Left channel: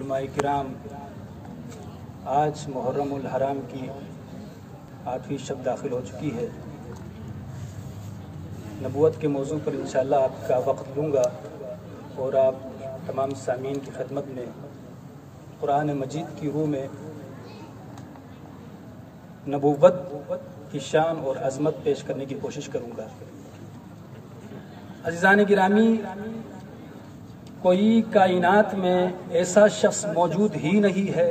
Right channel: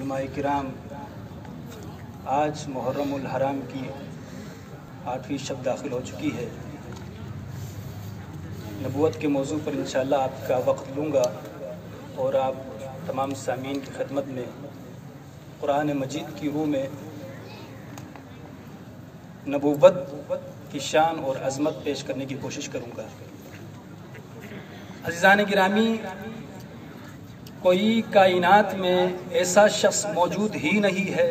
علماء کرام، آج محرم الحرام کی 8ویں شب داخل ہو چکی ہے۔ نبوت کے موضوع پر انشاءاللہ آپ کا وقت لوں گا اور آپ تمام سامعین کی خدمت میں قرآن مجید کی روح میں نبوت کی شان اور عظمت پیش کرنے کی کوشش کروں گا۔ عزیزان گرامی، کوئی کائنات میں ایسا شخص موجود ہی نہیں ہے،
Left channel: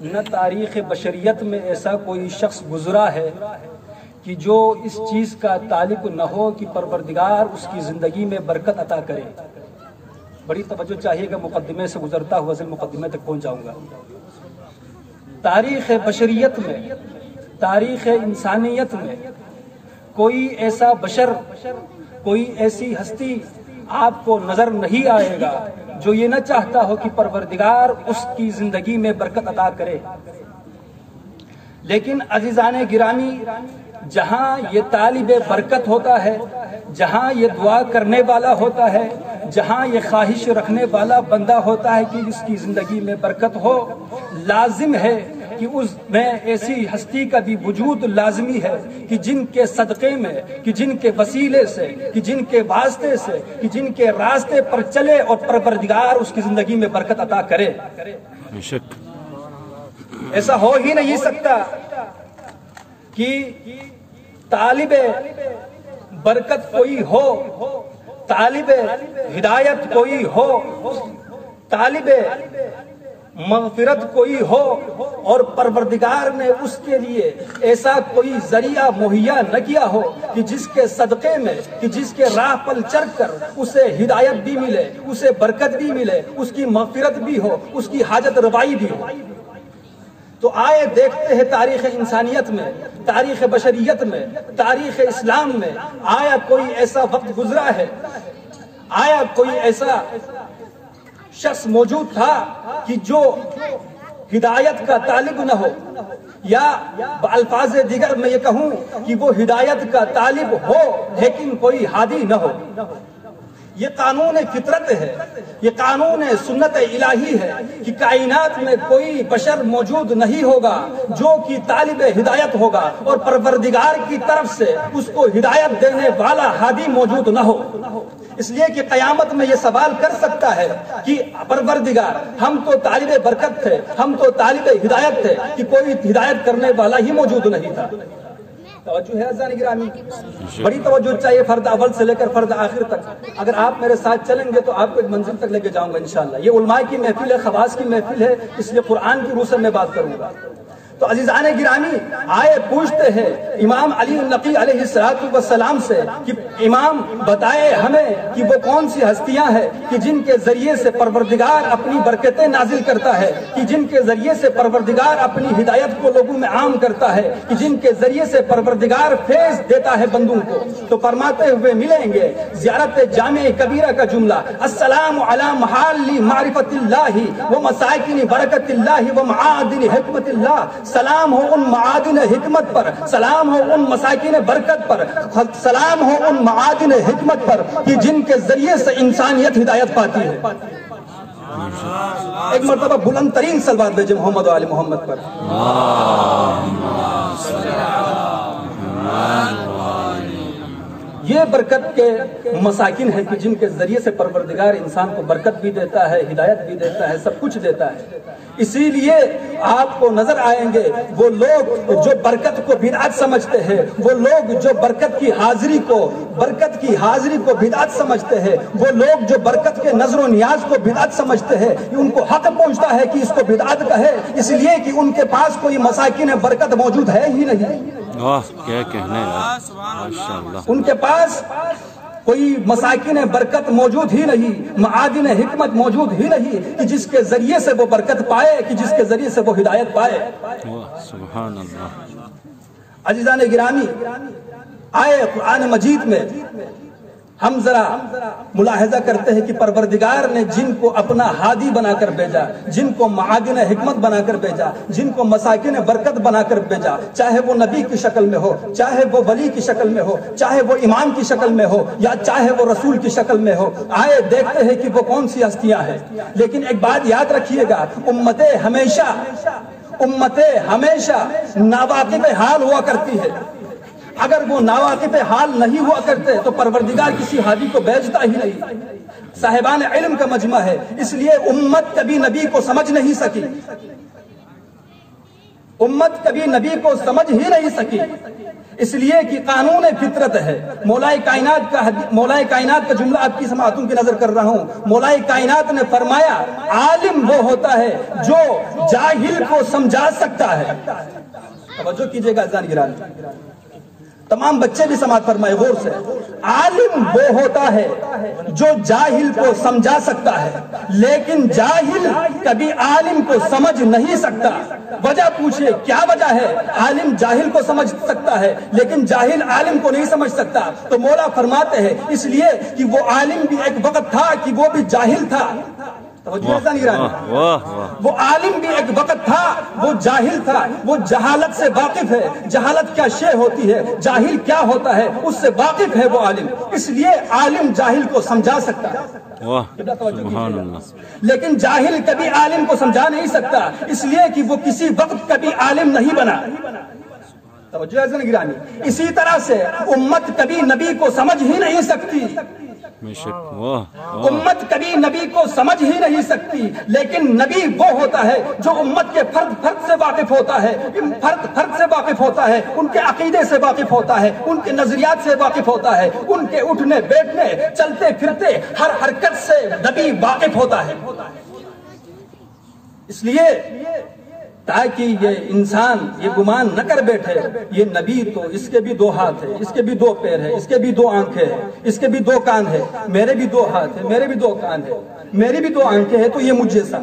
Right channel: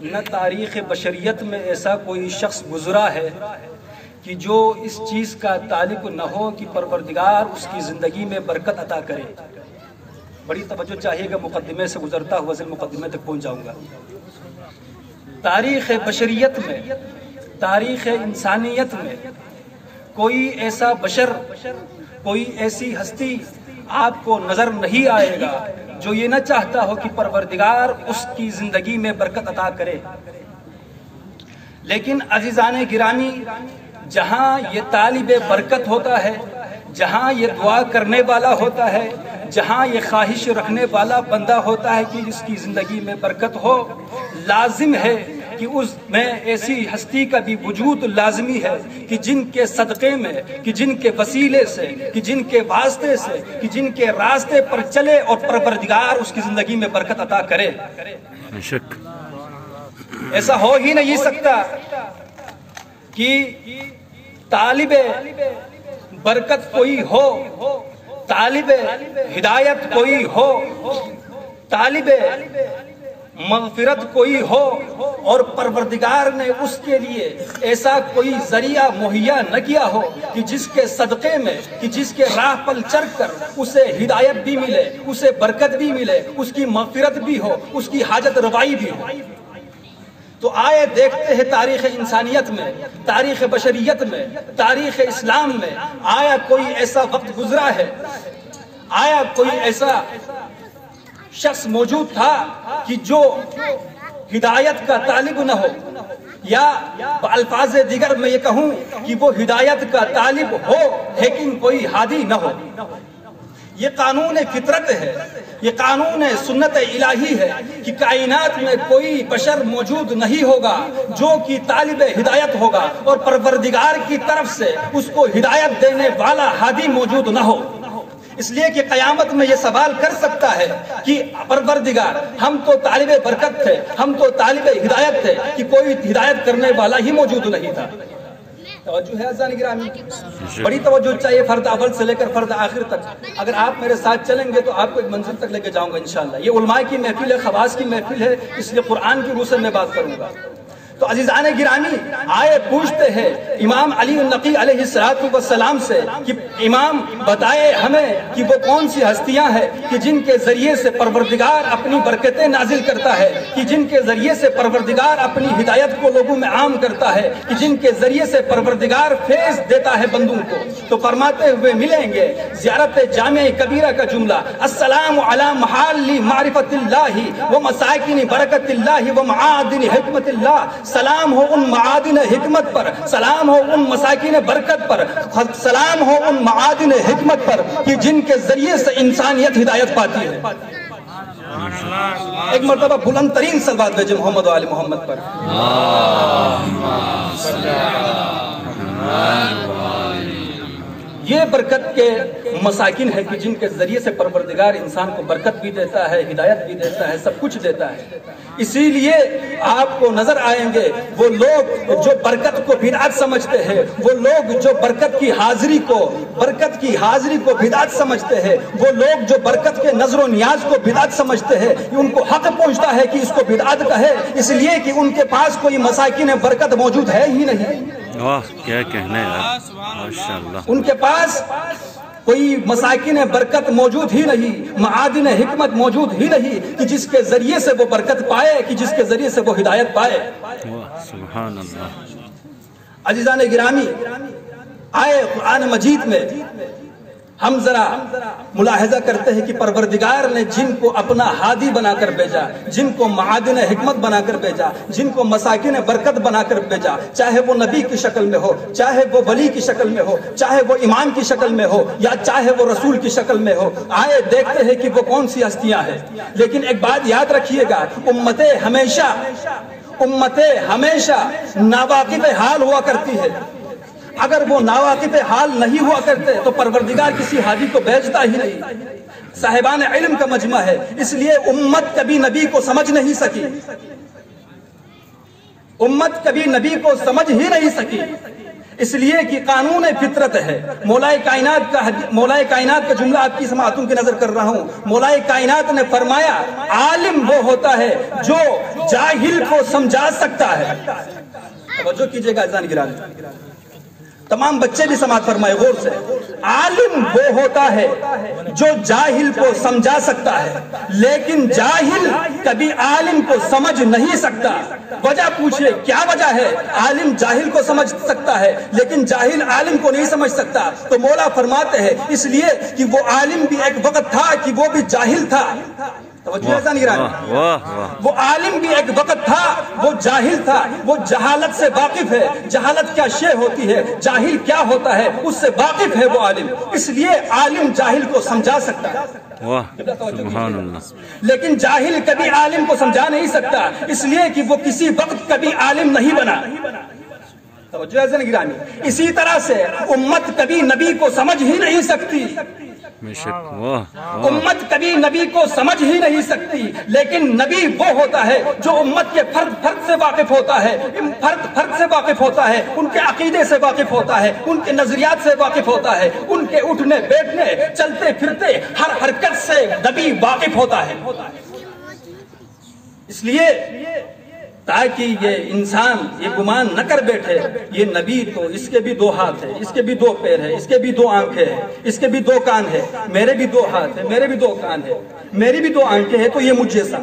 نہ تاریخ بشریت میں ایسا کوئی شخص گزرا ہے کہ جو اس چیز کا تعلق نہ ہو کہ پروردگار اس کی زندگی میں برکت عطا کرے۔ بڑی توجہ چاہیے کہ مقدمے سے گزرتا ہوا اصل مقدمے تک پہنچ جاؤں گا۔ تاریخ بشریت میں، تاریخ انسانیت میں کوئی ایسا بشر، کوئی ایسی ہستی آپ کو نظر نہیں آئے گا جو یہ نہ چاہتا ہو کہ پروردگار اس کی زندگی میں برکت عطا کرے۔ لیکن عزیزان گرامی، جہاں یہ طالب برکت ہوتا ہے، جہاں یہ دعا کرنے والا ہوتا ہے، جہاں یہ خواہش رکھنے والا بندہ ہوتا ہے کہ اس کی زندگی میں برکت ہو، لازم ہے کہ اس میں ایسی ہستی کا بھی وجود لازمی ہے کہ جن کے صدقے میں، کہ جن کے وسیلے سے، کہ جن کے واسطے سے، کہ جن کے راستے پر چلے اور پروردگار اس کی زندگی میں برکت عطا کرے۔ شک ایسا ہو ہی نہیں سکتا کہ طالب برکت کوئی ہو، طالب ہدایت کوئی ہو، طالب مغفرت کوئی ہو اور پروردگار نے اس کے لیے ایسا کوئی ذریعہ مہیا نہ کیا ہو کہ جس کے صدقے میں، کہ جس کے راہ پر چل کر اسے ہدایت بھی ملے، اسے برکت بھی ملے، اس کی مغفرت بھی ہو، اس کی حاجت روائی بھی ہو۔ تو آئے دیکھتے ہیں تاریخ انسانیت میں، تاریخ بشریت میں، تاریخ اسلام میں آیا کوئی ایسا وقت گزرا ہے، آیا کوئی ایسا شخص موجود تھا کہ جو ہدایت کا طالب نہ ہو، یا الفاظ دیگر میں یہ کہوں کہ وہ ہدایت کا طالب ہو لیکن کوئی ہادی نہ ہو۔ یہ قانون فطرت ہے، یہ قانون سنت الہی ہے کہ کائنات میں کوئی بشر موجود نہیں ہوگا جو کہ طالب ہدایت ہوگا اور پروردگار کی طرف سے اس کو ہدایت دینے والا ہادی موجود نہ ہو۔ اس لیے کہ قیامت میں یہ سوال کر سکتا ہے کہ پروردگار، ہم تو طالب برکت تھے، ہم تو طالب ہدایت تھے کہ کوئی ہدایت کرنے والا ہی موجود نہیں تھا۔ توجہ ہے عزیزان گرامی، بڑی توجہ چاہیے فرد اول سے لے کر فرد آخر تک۔ اگر آپ میرے ساتھ چلیں گے تو آپ کو ایک منزل تک لے کے جاؤں گا انشاءاللہ۔ یہ علماء کی محفل ہے، خواص کی محفل ہے، اس لیے قرآن کی روح سے میں بات کروں گا۔ تو عزیزان گرامی، آئے پوچھتے ہیں امام علی النقی علیہ السلام سے کہ امام بتائے ہمیں کہ وہ کون سی ہستیاں ہیں کہ جن کے ذریعے سے پروردگار اپنی برکتیں نازل کرتا ہے، کہ جن کے ذریعے سے پروردگار اپنی ہدایت کو لوگوں میں عام کرتا ہے، کہ جن کے ذریعے سے پروردگار فیض دیتا ہے بندوں کو۔ تو فرماتے ہوئے ملیں گے زیارت جامع کبیرہ کا جملہ، السلام علی محال معرفت اللہ و مساکن برکت اللہ و معادن حکمت اللہ۔ سلام ہو ان معادن حکمت پر، سلام ہو ان مساکین برکت پر، سلام ہو ان معادن حکمت پر کہ جن کے ذریعے سے انسانیت ہدایت پاتی ہے۔ ایک مرتبہ بلند ترین صلوات بھیجیں محمد و آل محمد پر۔ یہ برکت کے مساکن ہے کہ جن کے ذریعے سے پروردگار انسان کو برکت بھی دیتا ہے، ہدایت بھی دیتا ہے، سب کچھ دیتا ہے۔ اسی لیے آپ کو نظر آئیں گے وہ لوگ جو برکت کو بدعت سمجھتے ہیں، وہ لوگ جو برکت کی حاضری کو بدعت سمجھتے ہیں، وہ لوگ جو برکت کے نظر و نیاز کو بدعت سمجھتے ہیں، ان کو حق پہنچتا ہے کہ اس کو بدعت کہے، اس لیے کہ ان کے پاس کوئی مساکن برکت موجود ہے ہی نہیں۔ واہ کیا کہنا ہے یار، ماشاءاللہ۔ ان کے پاس کوئی مساکن برکت موجود ہی نہیں، معادن حکمت موجود ہی نہیں کہ جس کے ذریعے سے وہ برکت پائے، کہ جس کے ذریعے سے وہ ہدایت پائے۔ سبحان اللہ۔ عزیزان گرامی، آئے قرآن مجید میں ہم ذرا ملاحظہ کرتے ہیں کہ پروردگار نے جن کو اپنا ہادی بنا کر بھیجا، جن کو معادن حکمت بنا کر بھیجا، جن کو مساکن برکت بنا کر بھیجا، چاہے وہ نبی کی شکل میں ہو، چاہے وہ ولی کی شکل میں ہو، چاہے وہ امام کی شکل میں ہو، یا چاہے وہ رسول کی شکل میں ہو، آئے دیکھتے ہیں کہ وہ کون سی ہستیاں ہیں۔ لیکن ایک بات یاد رکھیے گا، امتیں ہمیشہ ناواقف حال ہوا کرتی ہے۔ اگر وہ ناواقف حال نہیں ہوا کرتے تو پروردگار کسی ہادی کو بھیجتا ہی نہیں۔ صاحبان علم کا مجمع ہے، اس لیے امت کبھی نبی کو سمجھ نہیں سکی، امت کبھی نبی کو سمجھ ہی نہیں سکی، اس لیے کہ قانون فطرت ہے۔ مولا کائنات کا جملہ آپ کی سماعتوں کی نظر کر رہا ہوں۔ مولا کائنات نے فرمایا عالم وہ ہوتا ہے جو جاہل کو سمجھا سکتا ہے۔ توجہ کیجئے گا اذان گرامی، تمام بچے بھی سماعت فرمائے غور سے۔ عالم وہ ہوتا ہے جو جاہل کو سمجھا سکتا ہے، لیکن جاہل کبھی عالم کو سمجھ نہیں سکتا۔ وجہ پوچھئے کیا وجہ ہے؟ عالم جاہل کو سمجھ سکتا ہے لیکن جاہل عالم کو نہیں سمجھ سکتا۔ تو مولا فرماتے ہیں اس لیے کہ وہ عالم بھی ایک وقت تھا کہ وہ بھی جاہل تھا۔ وہ عالم بھی ایک وقت تھا، وہ جاہل تھا، وہ جہالت سے واقف ہے، جہالت کیا شے ہوتی ہے، جاہل کیا ہوتا ہے اس سے واقف ہے وہ عالم، اس لیے عالم جاہل کو سمجھا سکتا ہے۔ سبحان اللہ۔ لیکن جاہل کبھی عالم کو سمجھا نہیں سکتا، اس لیے کہ وہ کسی وقت کبھی عالم نہیں بنا۔ توجہ ہے ذرا گرامی، اسی طرح سے امت کبھی نبی کو سمجھ ہی نہیں سکتی، امت کبھی نبی کو سمجھ ہی نہیں سکتی، لیکن نبی وہ ہوتا ہے جو امت کے فرد سے واقف ہوتا ہے، فرد سے واقف ہوتا ہے، ان کے عقیدے سے واقف ہوتا ہے، ان کے نظریات سے واقف ہوتا ہے، ان کے اٹھنے بیٹھنے چلتے پھرتے ہر حرکت سے نبی واقف ہوتا ہے۔ اس لیے تاکہ یہ انسان یہ گمان نہ کر بیٹھے یہ نبی تو اس کے بھی 2 ہاتھ ہیں، اس کے بھی 2 پیر ہیں، اس کے بھی 2 آنکھیں ہیں، اس کے بھی 2 کان ہیں، میرے بھی 2 ہاتھ ہیں، میرے بھی 2 کان ہیں، میری بھی 2 آنکھیں ہیں، تو یہ مجھ جیسا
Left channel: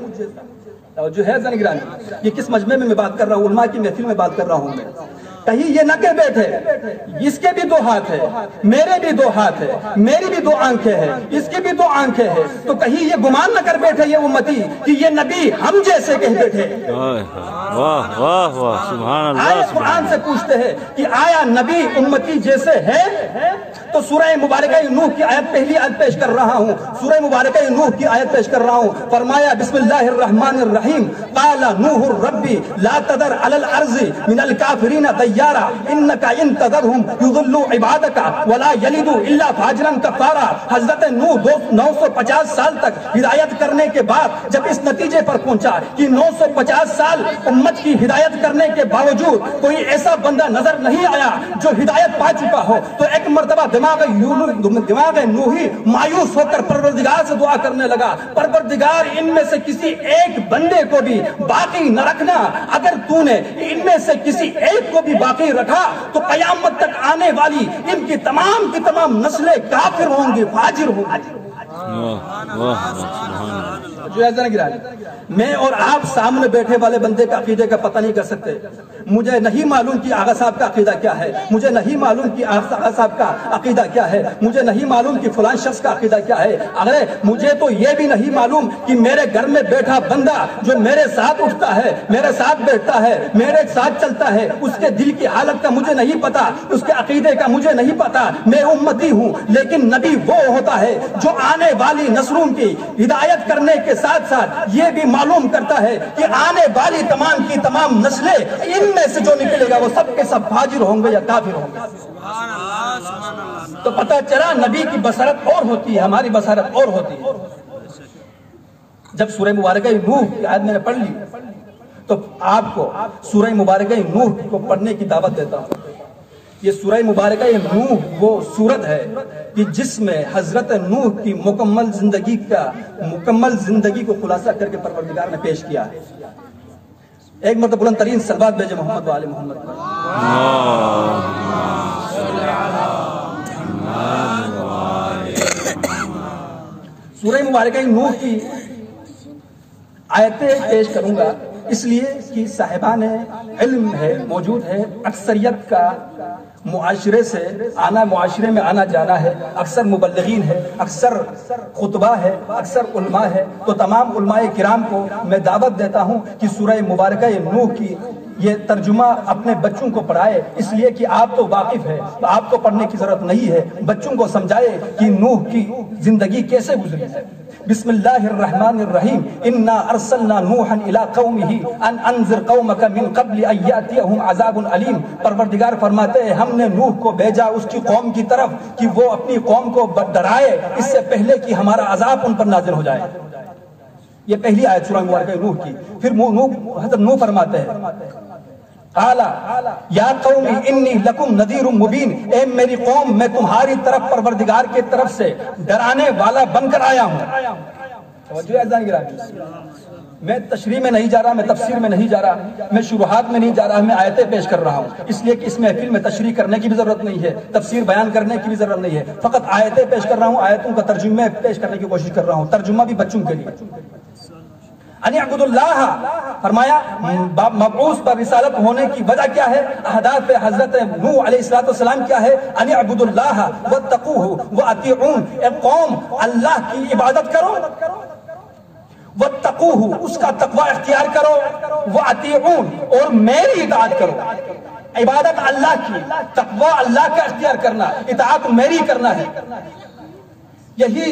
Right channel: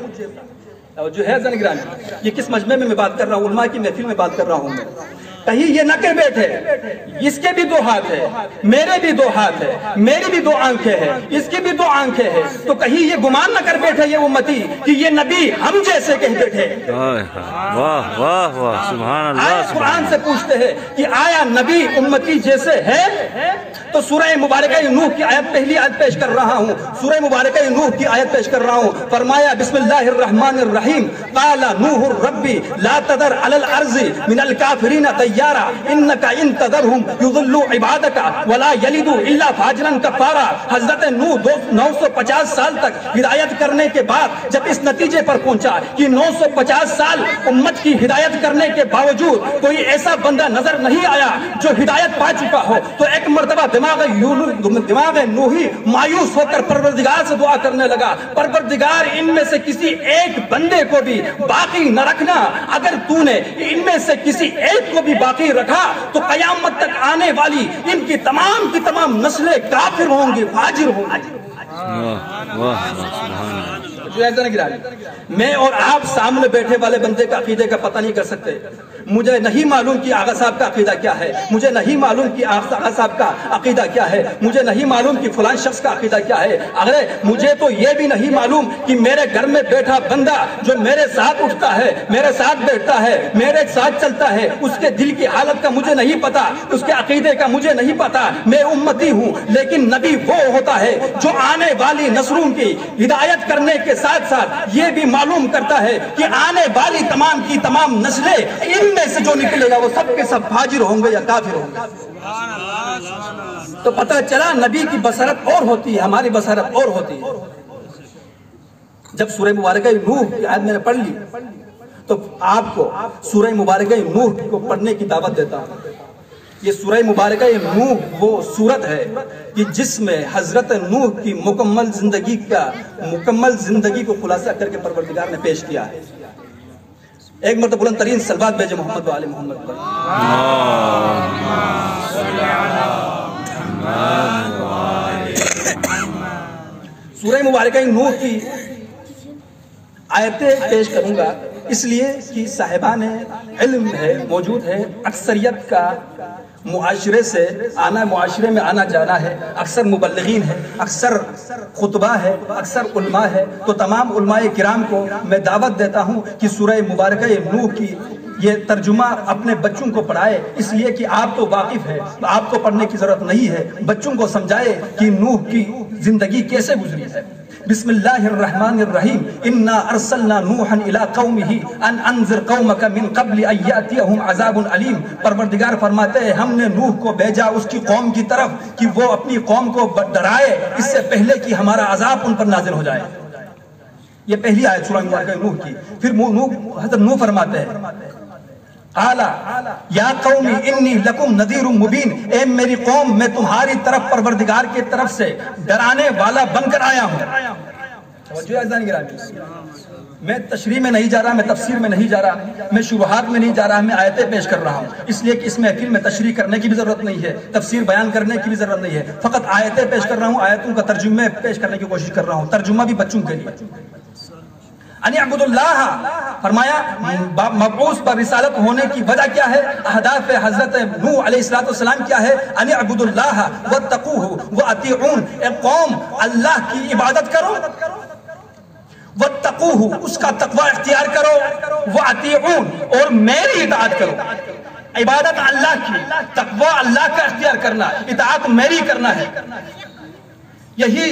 جو ہے زنگرانی۔ یہ کس مجمع میں بات کر رہا ہوں؟ علماء کی محفل میں بات کر رہا ہوں میں۔ کہیں یہ نہ کہہ بیٹھے اس کے بھی 2 ہاتھ ہیں، میرے بھی 2 ہاتھ ہیں، میری بھی 2 آنکھیں ہیں، اس کی بھی 2 آنکھیں ہیں، تو کہیں یہ گمان نہ کر بیٹھے یہ امتی کہ یہ نبی ہم جیسے کہہ بیٹھے۔ واہ واہ واہ، سبحان اللہ۔ قرآن سے پوچھتے ہیں کہ آیا نبی امتی جیسے ہے؟ تو سورہ مبارکہ نوح کی آیت پہلی آیت پیش کر رہا ہوں، سورہ مبارکہ نوح کی آیت پیش کر رہا ہوں۔ فرمایا بسم اللہ الرحمن الرحیم، قال نوح ربی لا تذر علی الارض من الکافرین دیارا انک ان تذرہم یضلوا عبادک ولا یلدوا الا فاجرا کفارا۔ حضرت نوح 950 سال تک ہدایت کرنے کے بعد جب اس نتیجے پر پہنچا کہ 950 سال امت کی ہدایت کرنے کے باوجود کوئی ایسا بندہ نظر نہیں آیا جو ہدایت پا چکا ہو، تو ایک مرتبہ دماغ نوحی مایوس ہو کر پروردگار سے دعا کرنے لگا، پروردگار ان میں سے کسی ایک بندے کو بھی باقی نہ رکھنا، اگر تو نے ان میں سے کسی ایک کو بھی باقی رکھا تو قیامت تک آنے والی ان کی تمام نسلیں کافر ہوں گی، فاجر ہوں گی۔ میں اور آپ سامنے بیٹھے والے بندے کا عقیدے کا پتہ نہیں کر سکتے۔ مجھے نہیں معلوم کہ آغا صاحب کا عقیدہ کیا ہے، مجھے نہیں معلوم کہ آغا صاحب کا عقیدہ کیا ہے، مجھے نہیں معلوم کہ فلان شخص کا عقیدہ کیا ہے۔ اگر مجھے تو یہ بھی نہیں معلوم کہ میرے گھر میں بیٹھا بندہ جو میرے ساتھ اٹھتا ہے، میرے ساتھ بیٹھتا ہے، میرے ساتھ چلتا ہے، اس کے دل کی حالت کا مجھے نہیں پتا، اس کے عقیدے کا مجھے نہیں پتا۔ میں امتی ہوں، لیکن نبی وہ ہوتا ہے جو آنے والی نسلوں کی ہدایت کرنے کے ساتھ ساتھ یہ بھی معلوم کرتا ہے کہ آنے والی تمام کی تمام نسلیں ان میں سے جو نکلے گا وہ سب کے سب فاجر ہوں گے یا کافر ہوں گے۔ تو پتہ چلا نبی کی بصارت اور ہوتی ہے، ہماری بصارت اور ہوتی ہے۔ جب سورہ مبارکہ نوح کی آیت میں نے پڑھ لی تو آپ کو سورہ مبارکہ نوح کو پڑھنے کی دعوت دیتا ہوں۔ یہ سورہ مبارکہ نوح وہ سورت ہے کہ جس میں حضرت نوح کی مکمل زندگی کو خلاصہ کر کے پروردگار نے پیش کیا ہے۔ ایک مرتبہ بلند ترین صلوات بھیجے محمد و آل محمد پر۔ سورہ مبارکہ نوح کی آیتیں پیش کروں گا اس لیے کہ صاحبان علم ہے موجود ہے، اکثریت کا معاشرے سے آنا، معاشرے میں آنا جانا ہے، اکثر مبلغین ہے، اکثر خطبہ ہے، اکثر علماء ہے، تو تمام علماء کرام کو میں دعوت دیتا ہوں کہ سورہ مبارکہ نوح کی یہ ترجمہ اپنے بچوں کو پڑھائے، اس لیے کہ آپ تو واقف ہے، آپ کو پڑھنے کی ضرورت نہیں ہے، بچوں کو سمجھائے کہ نوح کی زندگی کیسے گزری ہے۔ بسم اللہ الرحمن الرحیم، انا ارسلنا نوحا الی قومہ ان انذر قومک من قبل ان یاتیہم عذاب علیم۔ پروردگار فرماتے ہیں ہم نے نوح کو بھیجا اس کی قوم کی طرف کہ وہ اپنی قوم کو ڈرائے اس سے پہلے کہ ہمارا عذاب ان پر نازل ہو جائے۔ یہ پہلی آیت سورہ مبارکہ نوح کی۔ پھر حضرت نوح فرماتے ہیں قال یا قوم انی لکم نذیر مبین، اے میری قوم میں تمہاری طرف پروردگار کی طرف سے ڈرانے والا بن کر آیا ہوں۔ میں تشریح میں نہیں جا رہا، میں تفسیر میں نہیں جا رہا، میں شروحات میں نہیں جا رہا، میں آیتیں پیش کر رہا ہوں، اس لیے کہ اس محفل میں تشریح کرنے کی بھی ضرورت نہیں ہے، تفسیر بیان کرنے کی بھی ضرورت نہیں ہے، فقط آیتیں پیش کر رہا ہوں، آیتوں کا ترجمہ پیش کرنے کی کوشش کر رہا ہوں، ترجمہ بھی بچوں کے لیے۔ ان اعبدوا اللہ، فرمایا مبعوث پر رسالت ہونے کی وجہ کیا ہے، اہداف حضرت نوح علیہ السلام کیا ہے، ان اعبدوا اللہ واتقوہ واطیعون، اے قوم اللہ کی عبادت کرو، واتقوہ اس کا تقوی اختیار کرو، واطیعون اور میری اطاعت کرو۔ عبادت اللہ کی، تقوی اللہ کا اختیار کرنا، اطاعت میری کرنا ہے۔ یہی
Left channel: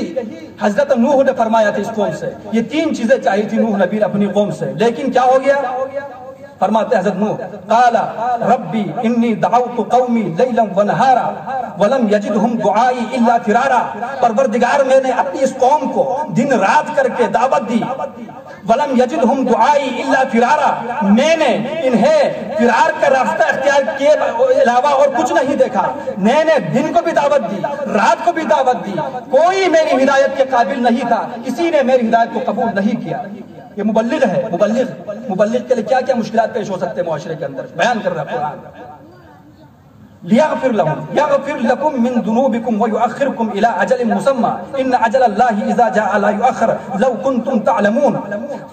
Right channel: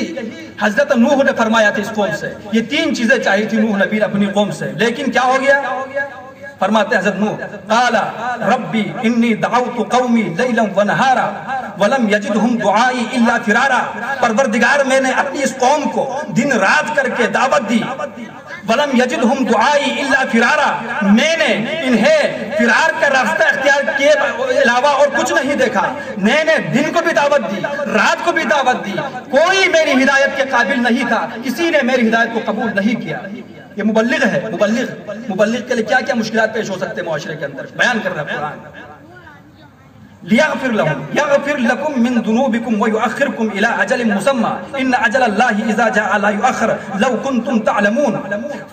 حضرت نوح نے فرمایا تھا اس قوم سے، یہ تین چیزیں چاہیے تھی نوح نبی اپنی قوم سے، لیکن کیا ہو گیا؟ فرماتے حضرت نوح قال ربی انی دعوت قومی لیلا ونہارا ولم یجدہم دعائی الا فرارا، پروردگار میں نے اپنی اس قوم کو دن رات کر کے دعوت دی، ولم یجدہم دعائی الا فرارا، میں نے انہیں فرار کا راستہ اختیار کے علاوہ اور کچھ نہیں دیکھا، میں نے دن کو بھی دعوت دی، رات کو بھی دعوت دی، کوئی میری ہدایت کے قابل نہیں تھا، کسی نے میری ہدایت کو قبول نہیں کیا۔ یہ مبلغ ہے، مبلغ کے لیے کیا کیا مشکلات پیش ہو سکتے ہیں معاشرے کے اندر، بیان کر رہا ہے قرآن۔ لیغفر لهم یغفر لکم من ذنوبکم ویؤخرکم الی اجل مسمى ان اجل اللہ اذا جاء لا یؤخر لو کنتم تعلمون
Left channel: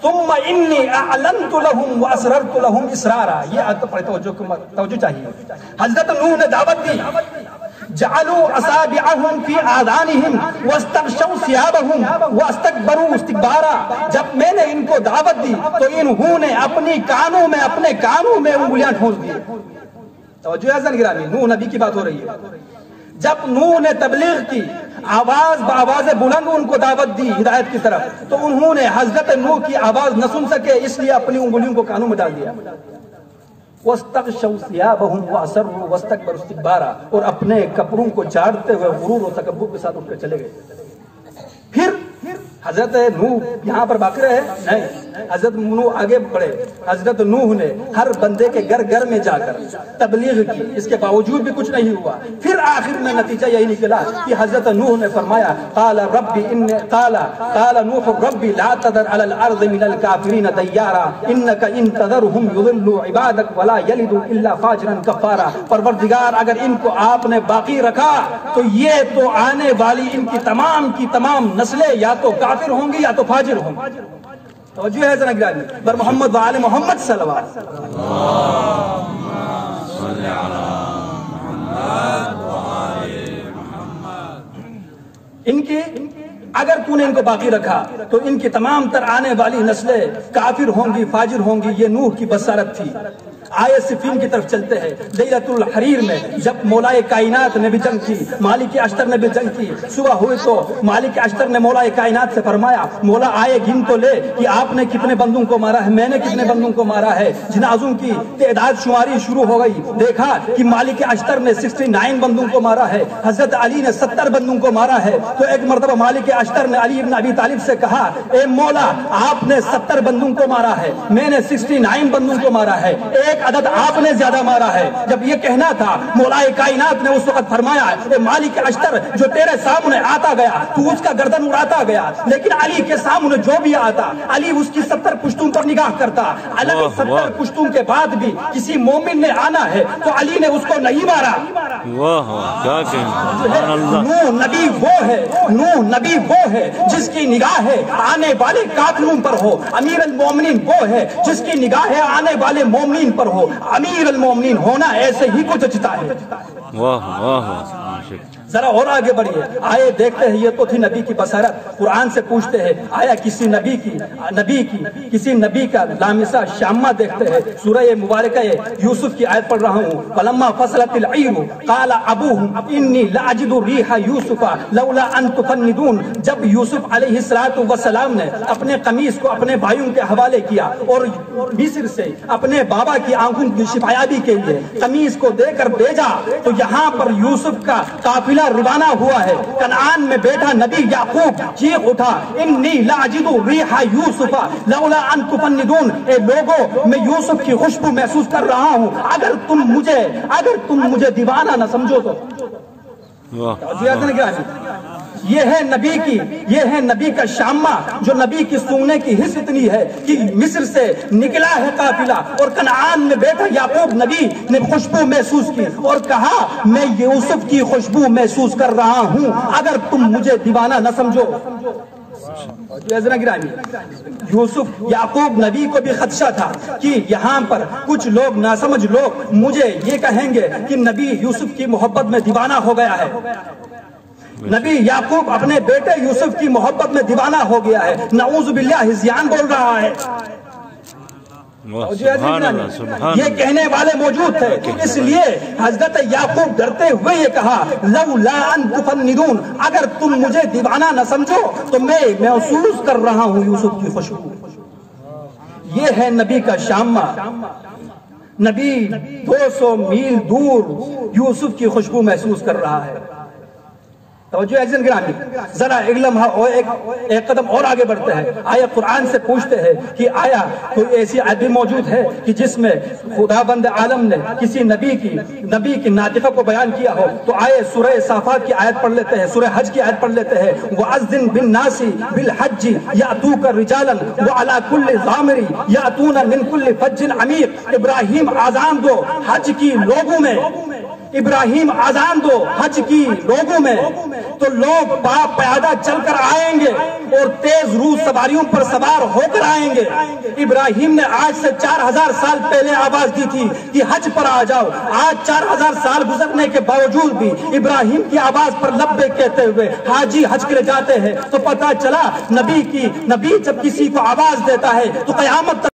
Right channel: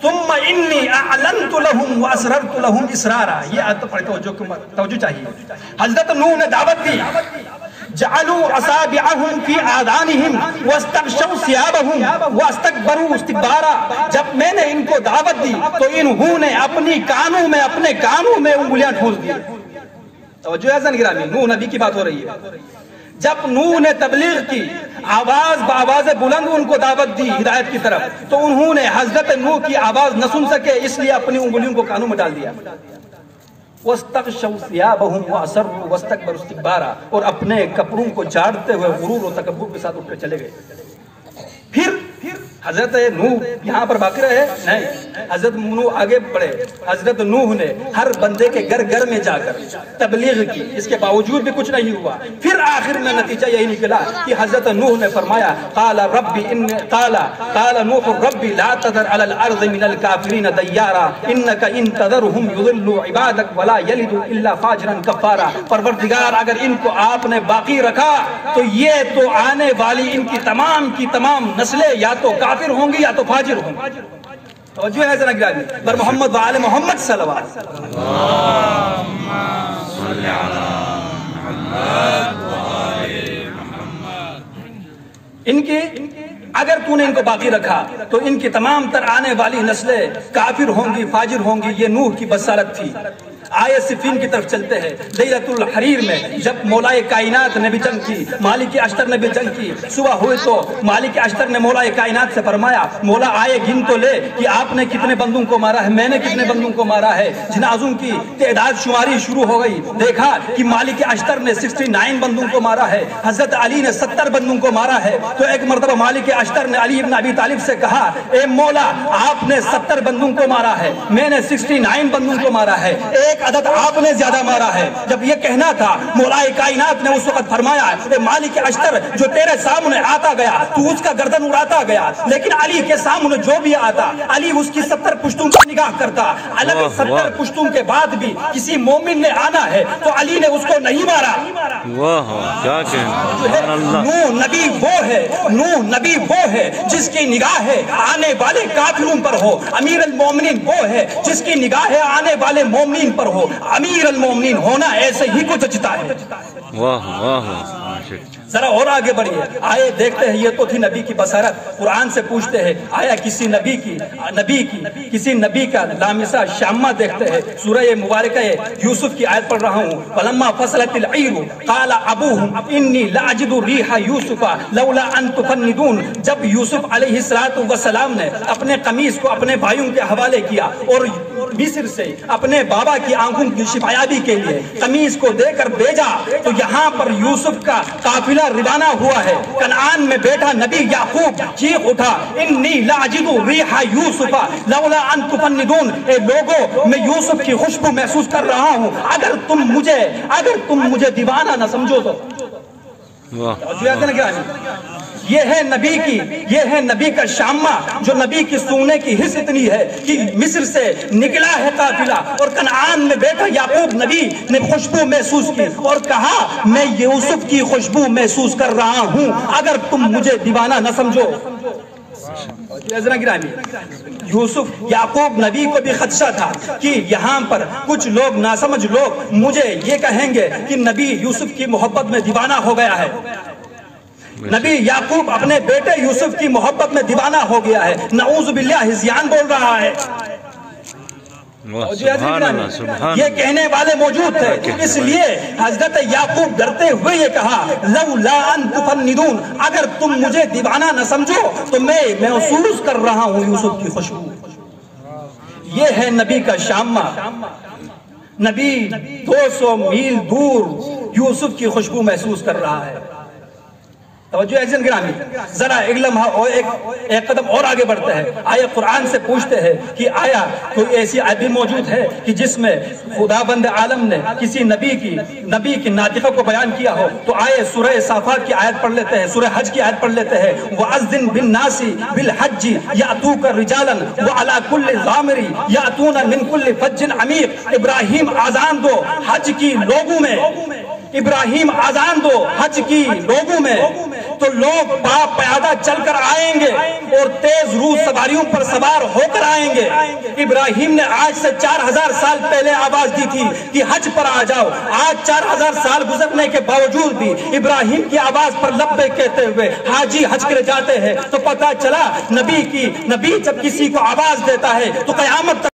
ثم انی اعلنت لهم واسررت لهم اسرارا۔ یہ آیت پر توجہ چاہیے۔ حضرت نوح نے دعوت دی، جعلوا اصابعهم في آذانهم واستغشوا ثيابهم واستكبروا استكبارا، جب میں نے ان کو دعوت دی تو انہوں نے اپنی کانوں میں، اپنے کانوں میں انگلیاں ٹھونس دی۔ توجہ ہے زن گرامی، نوح نبی کی بات ہو رہی ہے۔ جب نوح نے تبلیغ کی، آواز بآواز بلند ان کو دعوت دی ہدایت کی طرف، تو انہوں نے حضرت نوح کی آواز نہ سن سکے، اس لیے اپنی انگلیوں کو کانوں میں ڈال دیا۔ وَاسْتَغْشَوْا ثِيَابَهُمْ وَأَصَرُّوا وَاسْتَكْبَرُوا اسْتِكْبَارًا، اور اپنے کپڑوں کو جھاڑتے ہوئے غرور و تکبر کے ساتھ اٹھ کر چلے گئے۔ پھر حضرت نوح یہاں پر باقی رہے نہیں، حضرت نوح آگے بڑھے۔ حضرت نوح نے ہر بندے کے گھر گھر میں جا کر تبلیغ کی، اس کے باوجود بھی کچھ نہیں ہوا۔ پھر آخر میں نتیجہ یہی نکلا کہ حضرت نوح نے فرمایا قال نوح ربی لا تذر علی الارض من الکافرین دیارا انک ان تذرهم یضلوا عبادک ولا یلدوا الا فاجرا کفارا، پروردگار اگر ان کو آپ نے باقی رکھا تو یہ تو آنے والی ان کی تمام نسلیں یا تو کافر ہوں گی یا تو فاجر ہوں گی۔ توجہ ہے ذرا گرامی، بر محمد و آل محمد صلوات۔ ان کی اگر تو نے ان کو باقی رکھا تو ان کی تمام تر آنے والی نسلیں کافر ہوں گی، فاجر ہوں گی۔ یہ نوح کی بصارت تھی۔ آیت صفین کی طرف چلتے ہیں۔ لیلۃ الحریر میں جب مولائے کائنات نے بھی جنگ کی، مالک اشتر نے بھی جنگ کی، صبح ہوئی تو مالک اشتر نے مولائے کائنات سے فرمایا مولا آئے گن تو لے کہ آپ نے کتنے بندوں کو مارا ہے، میں نے کتنے بندوں کو مارا ہے۔ جنازوں کی تعداد شماری شروع ہو گئی، دیکھا کہ مالک اشتر نے 69 بندوں کو مارا ہے، حضرت علی نے 70 بندوں کو مارا ہے۔ تو ایک مرتبہ مالک اشتر نے علی ابن ابی طالب سے کہا اے مولا آپ نے 70 بندوں کو مارا ہے، میں نے 69 بندوں کو مارا ہے، ایک عدد آپ نے زیادہ مارا ہے۔ جب یہ کہنا تھا مولائے کائنات نے اس وقت فرمایا اے مالک اشتر جو تیرے سامنے آتا گیا تو اس کا گردن اڑاتا گیا، لیکن علی کے سامنے جو بھی آتا علی اس کی 70 پشتوں پر نگاہ کرتا۔ الگ 70 پشتوں کے بعد بھی کسی مومن نے آنا ہے تو علی نے اس کو نہیں مارا۔ واہ واہ کیا کہنا، سبحان اللہ۔ نوح نبی وہ ہے جس کی نگاہ ہے آنے والے کافروں پر ہو، امیر المومنین وہ ہے جس کی نگاہ ہے آنے والے مومنین پر ہو۔ امیر المومنین ہونا ایسے ہی کچھ جتا ہے۔ واہ واہ واہ ذرا اور آگے بڑھیے، آئے دیکھتے ہیں، یہ تو تھی نبی کی بصارت۔ قرآن سے پوچھتے ہیں آیا کسی کسی نبی کا لامسہ شامہ دیکھتے ہیں؟ سورہ مبارکہ یوسف کی آیت پڑھ رہا ہوں۔ فلما فصلت العیر قال ابوہم انی لاجد ریح یوسف لولا ان تفندون۔ جب یوسف علیہ السلام نے اپنے قمیص کو اپنے بھائیوں کے حوالے کیا اور مصر سے اپنے بابا کی آنکھوں کی شفایابی کے لیے قمیص کو دے کر بھیجا، تو یہاں پر یوسف کا قافلہ روانہ ہوا ہے۔ کنعان میں بیٹھا نبی یعقوب چیخ اٹھا، انی لاجد ریح یوسف لولا ان تفندون۔ اے لوگوں، میں یوسف کی خوشبو محسوس کر رہا ہوں، اگر تم مجھے دیوانہ نہ سمجھو تو۔ یہ ہے نبی کا شامہ، جو نبی کی سونگنے کی حس اتنی ہے کہ مصر سے نکلا ہے قافلہ، اور کنعان میں بیٹھا یعقوب نبی نے خوشبو محسوس کی اور کہا میں یوسف کی خوشبو محسوس کر رہا ہوں، اگر تم مجھے دیوانہ نہ سمجھو۔ یوسف یعقوب نبی کو بھی خدشہ تھا کہ یہاں پر کچھ لوگ ناسمجھ لوگ مجھے یہ کہیں گے کہ نبی یوسف کی محبت میں دیوانہ ہو گیا ہے۔ نبی یعقوب اپنے بیٹے یوسف کی محبت میں دیوانہ ہو گیا ہے، نعوذ باللہ ہذیان بول رہا ہے۔ یہ کہنے والے موجود تھے، اس لیے حضرت یعقوب ڈرتے ہوئے یہ کہا لولا ان تفندون، اگر تم مجھے دیوانہ نہ سمجھو تو میں محسوس کر رہا ہوں یوسف کی خوشبو۔ یہ ہے نبی کا شامہ، نبی 200 میل دور یوسف کی خوشبو محسوس کر رہا ہے۔ توجہ عزیزان گرامی، ذرا ایک لمحہ اور ایک قدم اور آگے بڑھتے ہیں۔ آیا قرآن سے پوچھتے ہیں کہ آیا کوئی ایسی آیت بھی موجود ہے کہ جس میں خدا بند عالم نے کسی نبی کی ناطقہ کو بیان کیا ہو؟ تو آئے سورہ صافات کی آیت پڑھ لیتے ہیں، سورہ حج کی آیت پڑھ لیتے ہیں۔ وَأَذِّن بِالنَّاسِ بِالْحَجِّ يَأْتُوكَ رِجَالًا وَعَلَى كُلِّ ضَامِرٍ يَأْتُونَ مِنْ كُلِّ فَجٍّ عَمِيقٍ۔ ابراہیم آذان دو حج کی لوگوں میں، ابراہیم آذان دو حج کی لوگوں میں، تو لوگ پیادہ چل کر آئیں گے اور تیز روح سواریوں پر سوار ہو کر آئیں گے۔ ابراہیم نے آج سے 4000 سال پہلے آواز دی تھی کہ حج پر آ جاؤ۔ آج 4000 سال گزرنے کے باوجود بھی ابراہیم کی آواز پر لبیک کہتے ہوئے حاجی حج کرے جاتے ہیں۔ تو پتہ چلا نبی جب کسی کو آواز دیتا ہے تو قیامت تک